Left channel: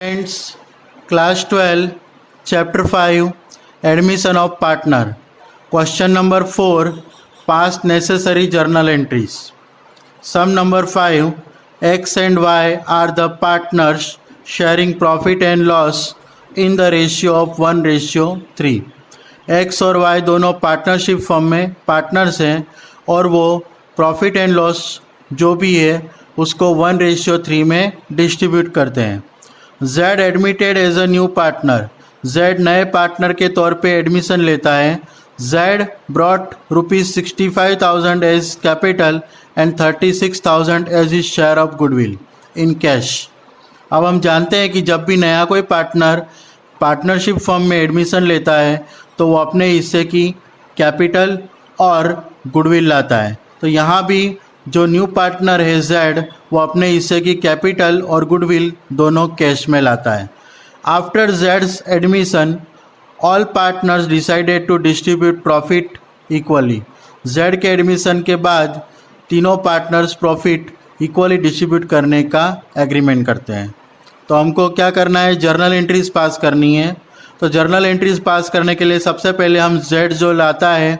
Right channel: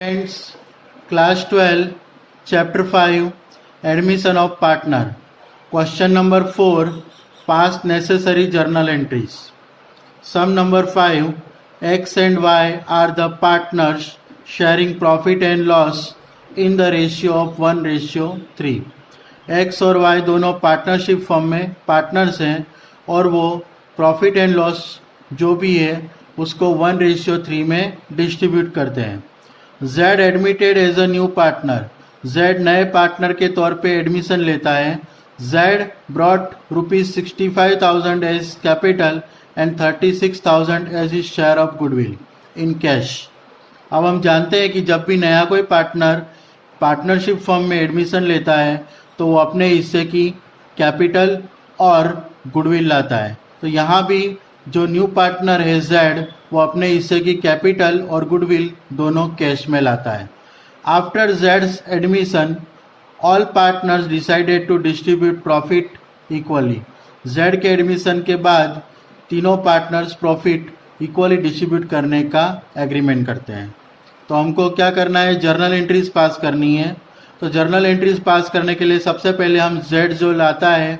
Friends, Class 12, Chapter 5, Admission of Partner. Question number 4, Past necessary journal entries. Sum number 5, X and Y are the partners sharing profit and loss in the ratio of 1:3. X और Y दोनों partnership firm में partners हैं और वो profit and loss जो भी है उसको 1:3 में डिस्ट्रीब्यूट करते हैं. Z admitted as a new partner. Z नए पार्टनर के तौर पे एडमिशन लेता है. Z brought ₹65,000 as capital and 36,000 as his share of goodwill in cash. अब हम जानते हैं कि जब भी नया कोई पार्टनर पार्टनरशिप फर्म में एडमिशन लेता है तो वो अपने हिस्से की कैपिटल और गुडविल लाता है. तो यहाँ भी जो न्यू पार्टनर है Z वो अपने हिस्से की कैपिटल और गुडविल दोनों कैश में लाता है. After Z's admission all partners decided to distribute profit equally. Z के एडमिशन के बाद तीनों पार्टनर्स प्रॉफिट इक्वली डिस्ट्रीब्यूट करने का एग्रीमेंट करते हैं. तो हमको क्या करना है, जर्नल एंट्रीज पास करनी है. तो जर्नल एंट्रीज पास करने के लिए सबसे पहले हम Z जो लाता है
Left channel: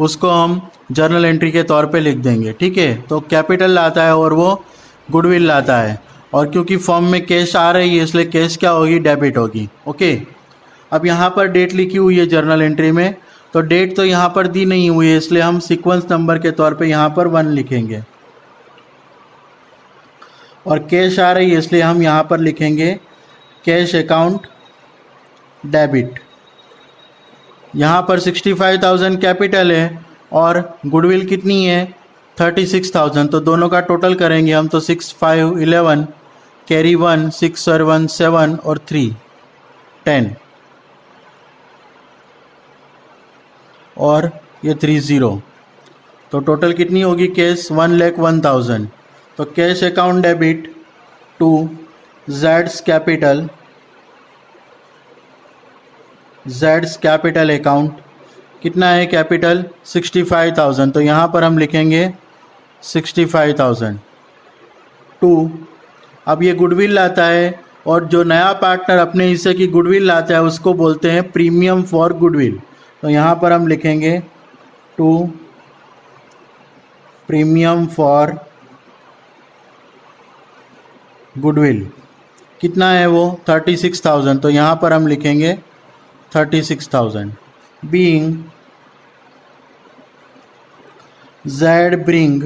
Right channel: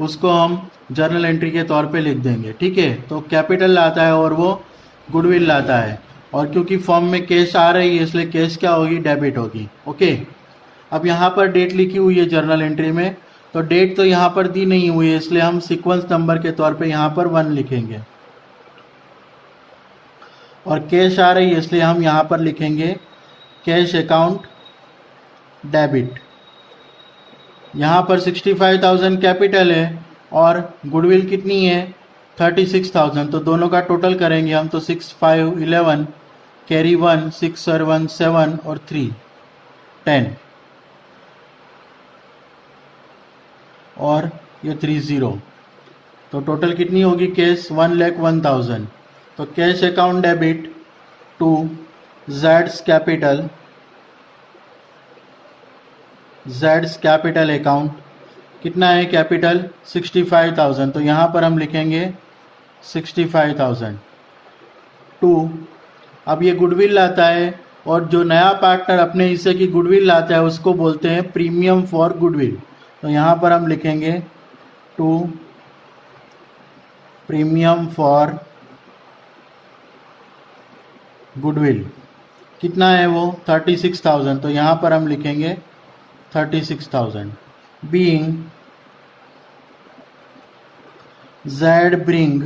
उसको हम जर्नल एंट्री के तौर पे लिख देंगे. ठीक है, तो कैपिटल लाता है और वो गुडविल लाता है और क्योंकि फॉर्म में कैश आ रही है इसलिए कैश क्या होगी, डेबिट होगी. ओके, अब यहाँ पर डेट लिखी हुई है जर्नल एंट्री में, तो डेट तो यहाँ पर दी नहीं हुई है इसलिए हम सीक्वेंस नंबर के तौर पे यहाँ पर 1 लिखेंगे और कैश आ रही है इसलिए हम यहाँ पर लिखेंगे कैश अकाउंट डेबिट. यहाँ पर 65,000 कैपिटल है और गुडविल कितनी है 36,000. तो दोनों का टोटल करेंगे हम तो 6 5 11 कैरी 1 6 और 1 7 और 3 10 और ये 3 0. तो टोटल कितनी होगी कैश 1,01,000. तो cash account debit to Z's capital account कितना है कैपिटल 65,000. तो यहाँ पर हम लिखेंगे 65,000 टू. अब ये गुडविल लाता है और जो नया पार्टनर अपने हिस्से की गुडविल लाता है उसको बोलते हैं प्रीमियम फॉर गुडविल. तो यहाँ पर हम लिखेंगे टू प्रीमियम फॉर गुडविल. कितना है वो 36,000. तो यहाँ पर हम लिखेंगे 36,000. Being Z bring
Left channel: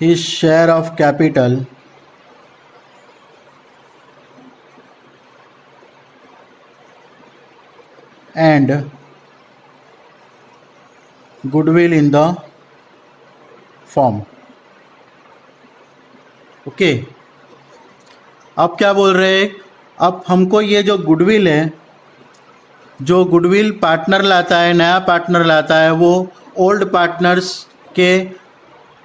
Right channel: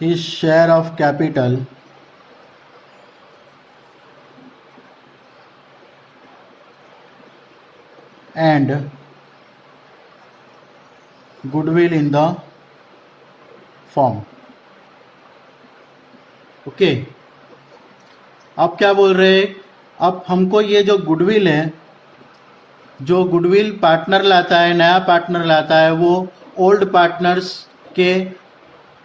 his share of capital and goodwill in the firm. Okay, अब क्या बोल रहे हैं, अब हमको ये जो गुडविल है, जो गुडविल पार्टनर लाता है, नया पार्टनर लाता है, वो ओल्ड पार्टनर्स के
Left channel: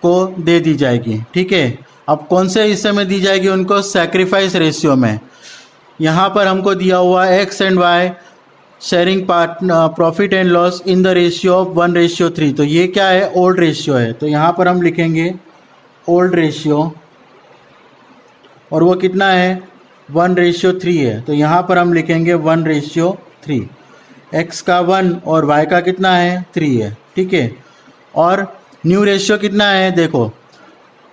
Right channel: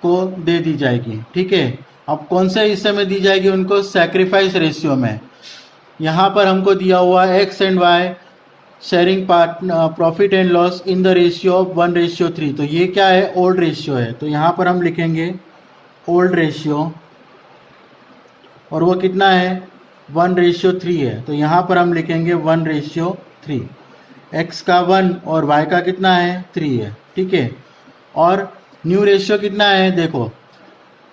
को दे दी जाएगी. ठीक है, अब कौन से हिस्से में दी जाएगी उनको, सैक्रिफाइस रेशियो में. यहाँ पर हमको दिया हुआ X and Y sharing profit and loss in the ratio of 1:3. तो ये क्या है, ओल्ड रेशियो है. तो यहाँ पर हम लिखेंगे ओल्ड रेशियो और वो कितना है 1:3 है. तो यहाँ पर हम लिखेंगे 1:3. X का 1 और Y का कितना है 3 है. ठीक है, और न्यू रेशियो कितना है, देखो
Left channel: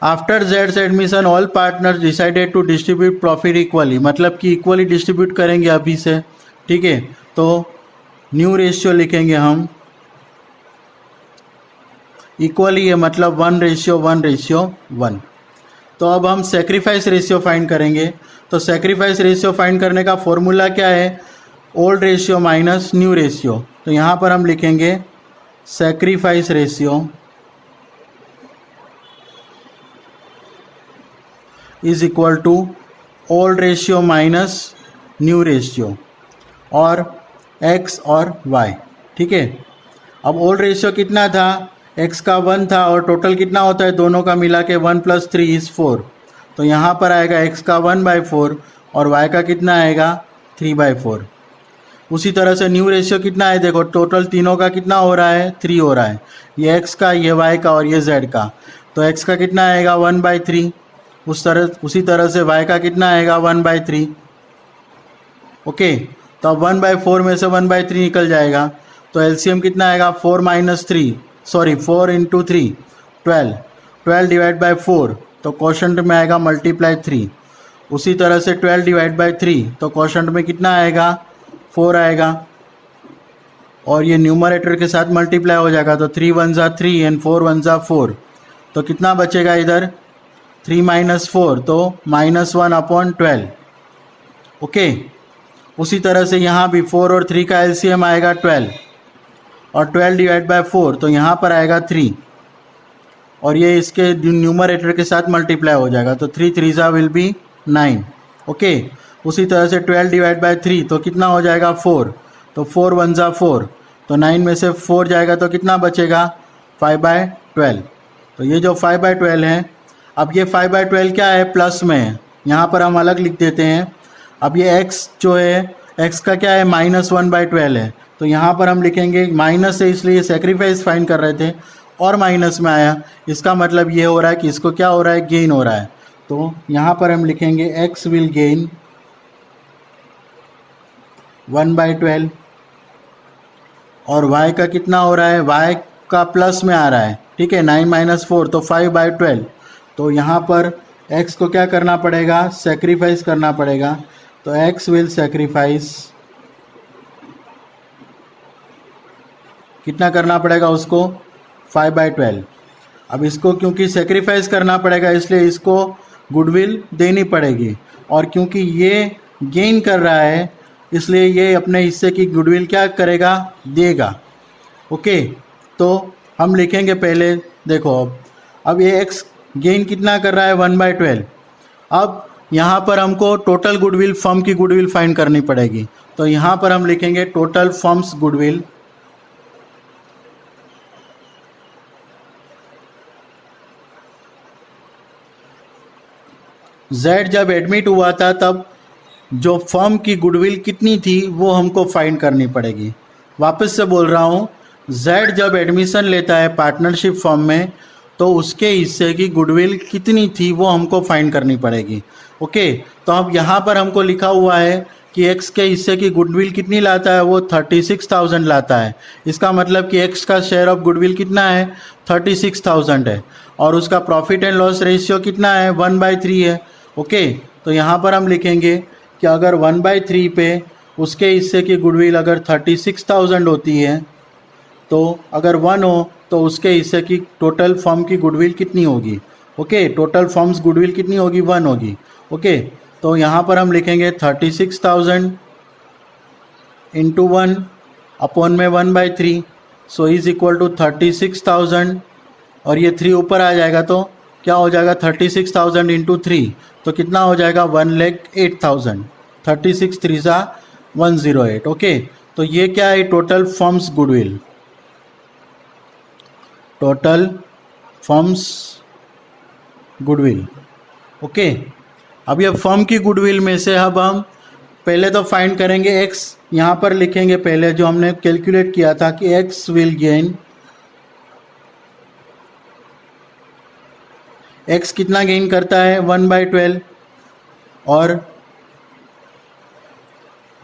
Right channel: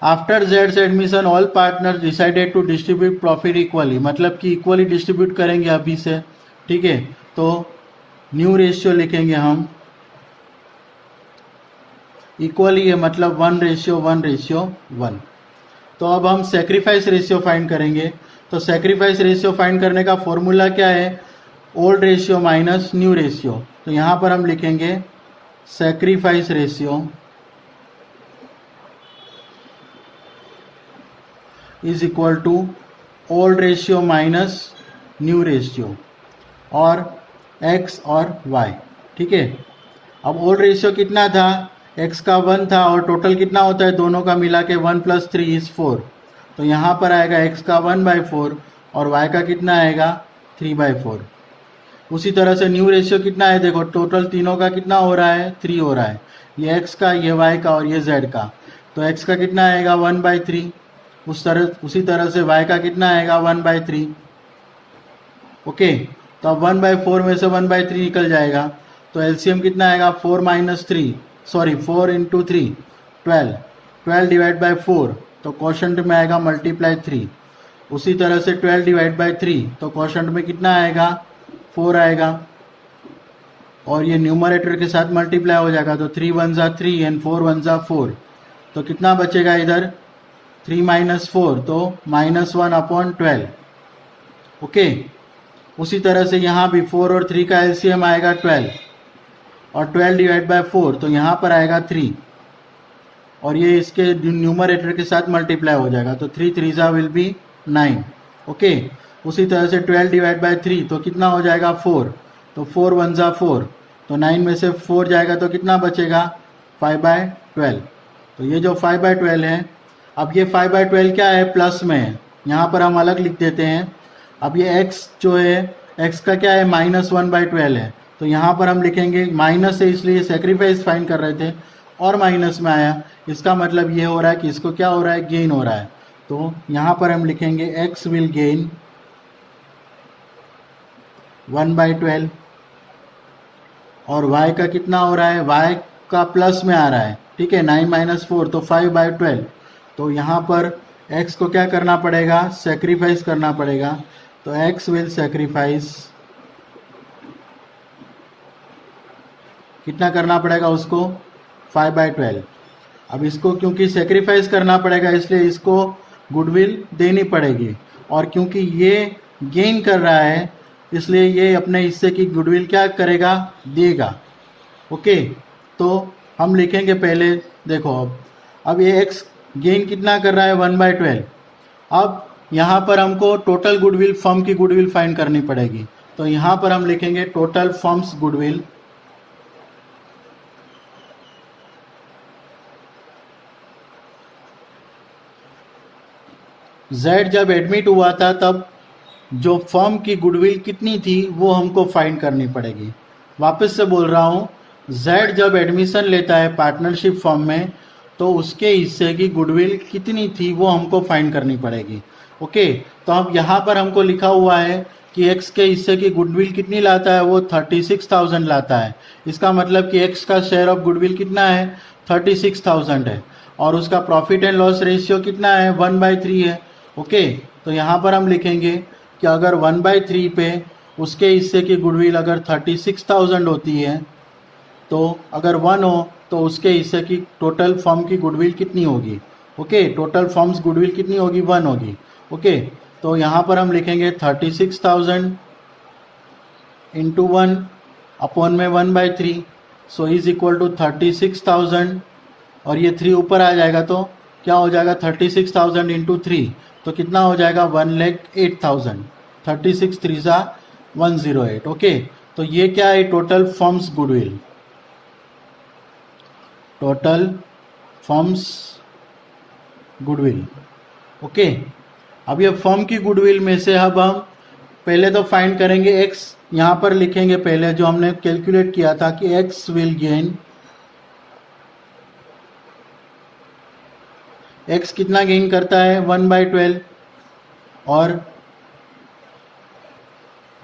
after Z's admission all partners decided to distribute profit equally, मतलब कि इक्वली डिस्ट्रीब्यूट करेंगे अभी से. ठीक है, तो न्यू रेशियो लिखेंगे हम इक्वली है मतलब 1:1:1. तो अब हम सेक्रीफाइस रेशियो फाइंड करेंगे. तो सेक्रीफाइस रेशियो फाइंड करने का फॉर्मूला क्या है, old ratio minus new ratio. तो यहाँ पर हम लिखेंगे sacrifice ratio is equal to old ratio minus new ratio और X और Y. ठीक है, अब ओल्ड रेशियो कितना था, X का 1 था और टोटल कितना होता है दोनों का मिला के 1 + 3 = 4. तो यहाँ पर आएगा X का 1/4 और Y का कितना आएगा 3/4. उसी तरह से न्यू रेशियो कितना है, देखो टोटल तीनों का कितना हो रहा है 3 हो रहा है, ये X का, ये Y का और ये Z का. तो X का कितना आएगा 1/3 उसी तरह से y का कितना आएगा 1/3। ओके, तो अब 1/4 में से 1/3 निकल जाएगा, तो एलसीएम कितना आएगा 4 × 3 12 डिवाइड बाई 4, तो क्वोशंट में आएगा मल्टीप्लाई 3। उसी तरह से 12 डिवाइड बाई 3, तो क्वोशंट में कितना आएगा 4 आएगा, और ये न्यूमरेटर के साथ मल्टीप्लाई हो जाएगा, तो 3 1 ज़ा 3 एंड 4 1 ज़ा 4, तो कितना बचेगा इधर 3 - 4, तो -1/12। ओके, उसी तरह से यहाँ भी 4 और 3 का एलसीएम आएगा 12, और 12 डिवाइड बाई 4, तो यहाँ पर आएगा 3, और ये इसके न्यूमरेटर के साथ मल्टीप्लाई हो जाएगा, तो 3 3 ज़ा विल बी 9। ओके, उसी तरह से 12 डिवाइड बाई 3, तो कितना हो जाएगा 4, तो 4 1 ज़ा 4, तो 9 में से 4 जाएगा, तो कितना बचेगा 5/12। तो ये जो 5/12 है, अब ये 5/12 क्या है, प्लस में है, यहाँ पर हम अलग लिख देते हैं। अब ये x जो है, x का क्या है -1/12 है, तो यहाँ पर हम लिखेंगे माइनस है, इसलिए सेक्रीफाइस फाइंड कर रहे थे और माइनस में आया, इसका मतलब ये हो रहा है कि इसको क्या हो रहा है, गेन हो रहा है। तो यहाँ पर हम लिखेंगे x विल गेन 1/12, और y का कितना हो रहा है, y का प्लस में आ रहा है, ठीक है, 9 - 4, तो 5/12। तो यहाँ पर x को क्या करना पड़ेगा, सेक्रीफाइस करना पड़ेगा, तो x विल सेक्रीफाइस, कितना करना पड़ेगा उसको 5/12। अब इसको क्योंकि सेक्रीफाइस करना पड़ेगा, इसलिए इसको गुडविल देनी पड़ेगी, और क्योंकि ये गेन कर रहा है, इसलिए ये अपने हिस्से की गुडविल क्या करेगा, देगा। ओके, तो हम लिखेंगे पहले, देखो अब ये x गेन कितना कर रहा है 1/12। अब यहाँ पर हमको टोटल गुडविल, फर्म की गुडविल फाइंड करनी पड़ेगी, तो यहाँ पर हम लिखेंगे टोटल फर्म्स गुडविल, Z जब एडमिट हुआ था तब जो फर्म की गुडविल कितनी थी वो हमको फाइंड करनी पड़ेगी। वापस से बोल रहा हूँ, Z जब एडमिशन लेता है पार्टनरशिप फर्म में, तो उसके हिस्से की गुडविल कितनी थी वो हमको फाइंड करनी पड़ेगी। ओके, तो अब यहाँ पर हमको लिखा हुआ है कि x के हिस्से की गुडविल कितनी लाता है, वो 36,000 लाता है। इसका मतलब कि x का शेयर ऑफ गुडविल कितना है, 36,000 है, और उसका प्रॉफिट एंड लॉस रेशियो कितना है, 1/3 है। ओके, तो यहाँ पर हम लिखेंगे कि अगर 1/3 पे उसके हिस्से की गुडविल अगर 36,000 होती है, तो अगर 1 हो तो उसके हिस्से की टोटल फर्म की गुडविल कितनी होगी। ओके, टोटल फर्म्स गुडविल कितनी होगी, 1 होगी। ओके, तो यहाँ पर हम लिखेंगे 36,000 इंटू 1 अपॉन में 1/3, सो इज इक्वल टू 36,000, और ये 3 ऊपर आ जाएगा, तो क्या हो जाएगा 36,000 इंटू 3, तो कितना हो जाएगा 1,08,000, 36 3 ज़ा 108। ओके, तो ये क्या है, total firms goodwill, total firms goodwill. Okay, अब ये फर्म की गुडविल में से अब हम पहले तो फाइंड करेंगे x, यहाँ पर लिखेंगे पहले जो हमने कैलकुलेट किया था कि x विल गेन, x कितना गेन करता है 1/12, और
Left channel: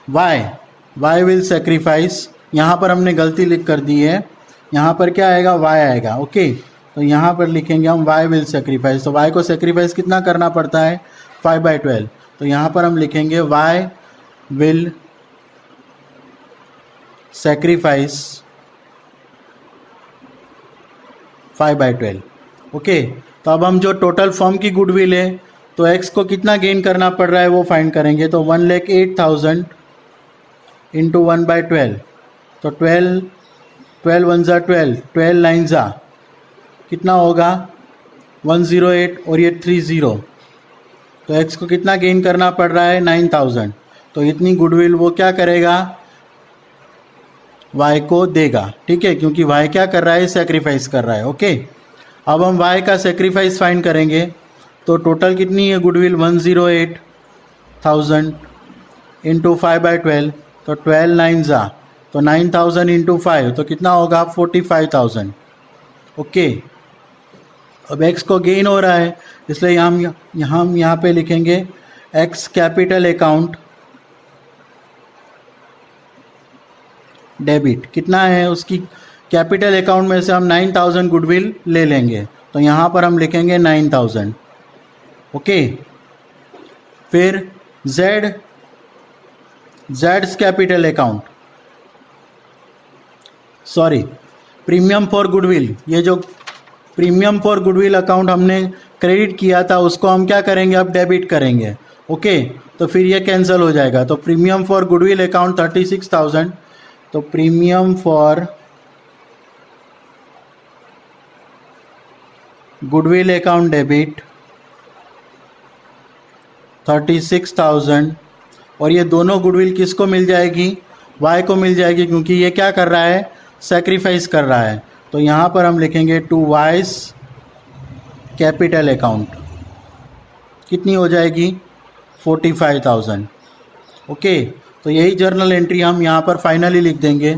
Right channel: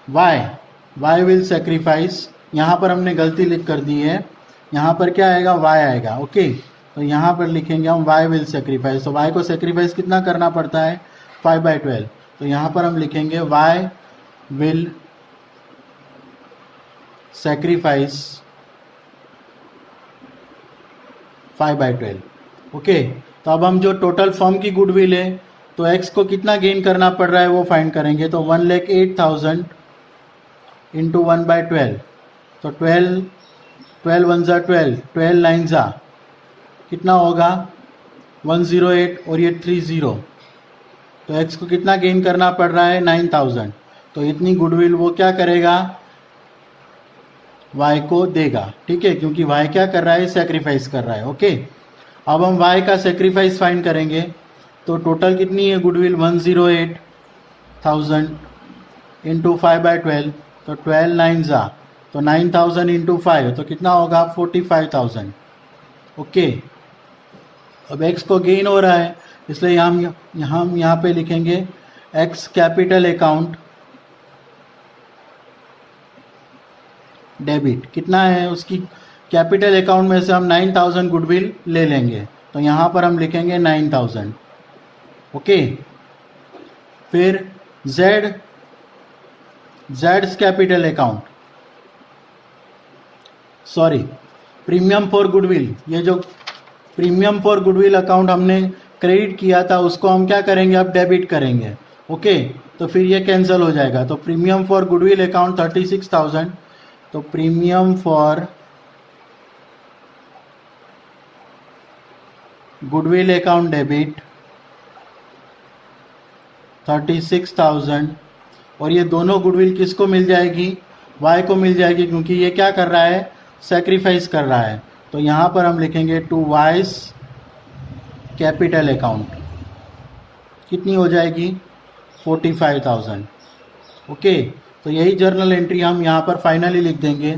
y विल सेक्रीफाइस, यहाँ पर हमने गलती लिख कर दी है, यहाँ पर क्या आएगा, y आएगा। ओके, तो यहाँ पर लिखेंगे हम y विल सेक्रीफाइस, तो y को सेक्रीफाइस कितना करना पड़ता है 5/12, तो यहाँ पर हम लिखेंगे y विल सेक्रीफाइस 5/12। ओके, तो अब हम जो टोटल फर्म की गुडविल है, तो x को कितना गेन करना पड़ रहा है वो फाइंड करेंगे, तो 1,08,000 इंटू 1/12, तो 12 1 ज़ा 12, 12 9 ज़ा कितना होगा 108, और ये 30, तो x को कितना गेन करना पड़ रहा है 9,000, तो इतनी गुडविल वो क्या करेगा, y को देगा। ठीक है, क्योंकि y क्या कर रहा है, सेक्रीफाइस कर रहा है। ओके, अब हम y का सेक्रीफाइस फाइंड करेंगे, तो टोटल कितनी है गुडविल 108,000 इंटू 5/12, तो 12 9 ज़ा, तो 9,000 इंटू 5, तो कितना होगा 45,000। ओके, अब x को गेन हो रहा है, इसलिए हम यहाँ पे लिखेंगे x कैपिटल अकाउंट डेबिट। कितना है उसकी कैपिटल अकाउंट में से हम 9000 गुडविल ले लेंगे, तो यहाँ पर हम लिखेंगे 9000। ओके, फिर Jades capital account, sorry premium for goodwill, ये जो प्रीमियम फॉर गुडविल अकाउंट हमने क्रेडिट किया था उसको हम क्या करेंगे, अब डेबिट करेंगे। ओके, तो फिर ये कैंसिल हो जाएगा। तो प्रीमियम फॉर गुडविल अकाउंट 36,000, तो premium for goodwill account debit 36,000, और ये दोनों गुडविल किसको मिल जाएगी, वाई को मिल जाएगी, क्योंकि ये क्या कर रहा है, सेक्रीफाइस कर रहा है। तो यहाँ पर हम लिखेंगे टू वाइस कैपिटल अकाउंट, कितनी हो जाएगी 45,000। ओके, तो यही जर्नल एंट्री हम यहाँ पर फाइनली लिख देंगे।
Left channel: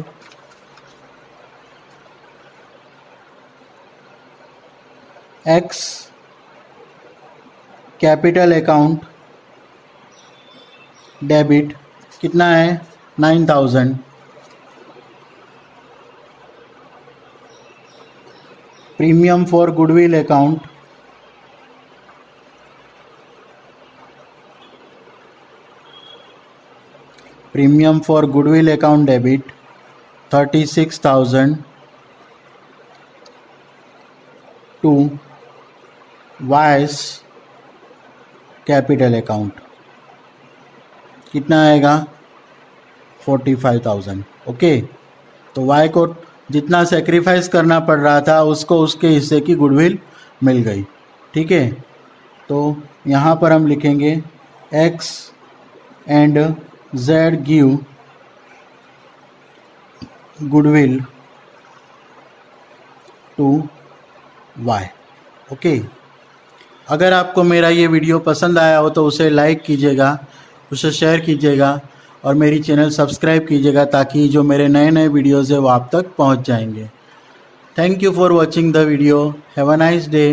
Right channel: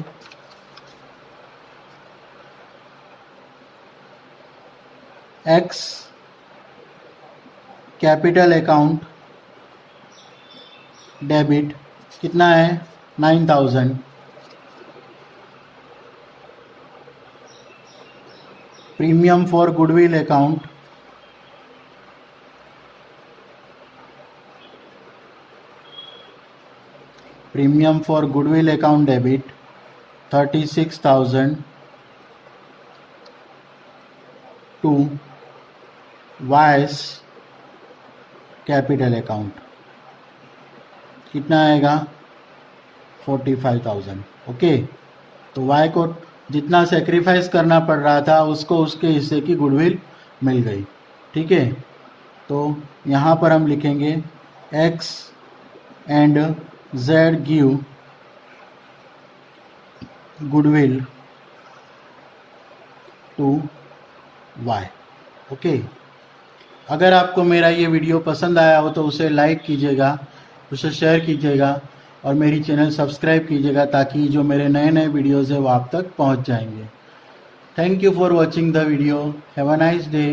एक्स कैपिटल अकाउंट डेबिट कितना है 9000, premium for goodwill account debit 36,000 to Y's capital account, कितना आएगा 45,000। ओके, तो वाई को जितना सेक्रीफाइस करना पड़ रहा था उसको उसके हिस्से की गुडविल मिल गई। ठीक है, तो यहाँ पर हम लिखेंगे X and Z give goodwill to Y. Okay, अगर आपको मेरा ये वीडियो पसंद आया हो तो उसे लाइक कीजिएगा, उसे शेयर कीजिएगा और मेरी चैनल सब्सक्राइब कीजिएगा, ताकि जो मेरे नए नए वीडियोज़ है वो आप तक पहुंच जाएंगे। Thank you for watching the video. Have a nice day.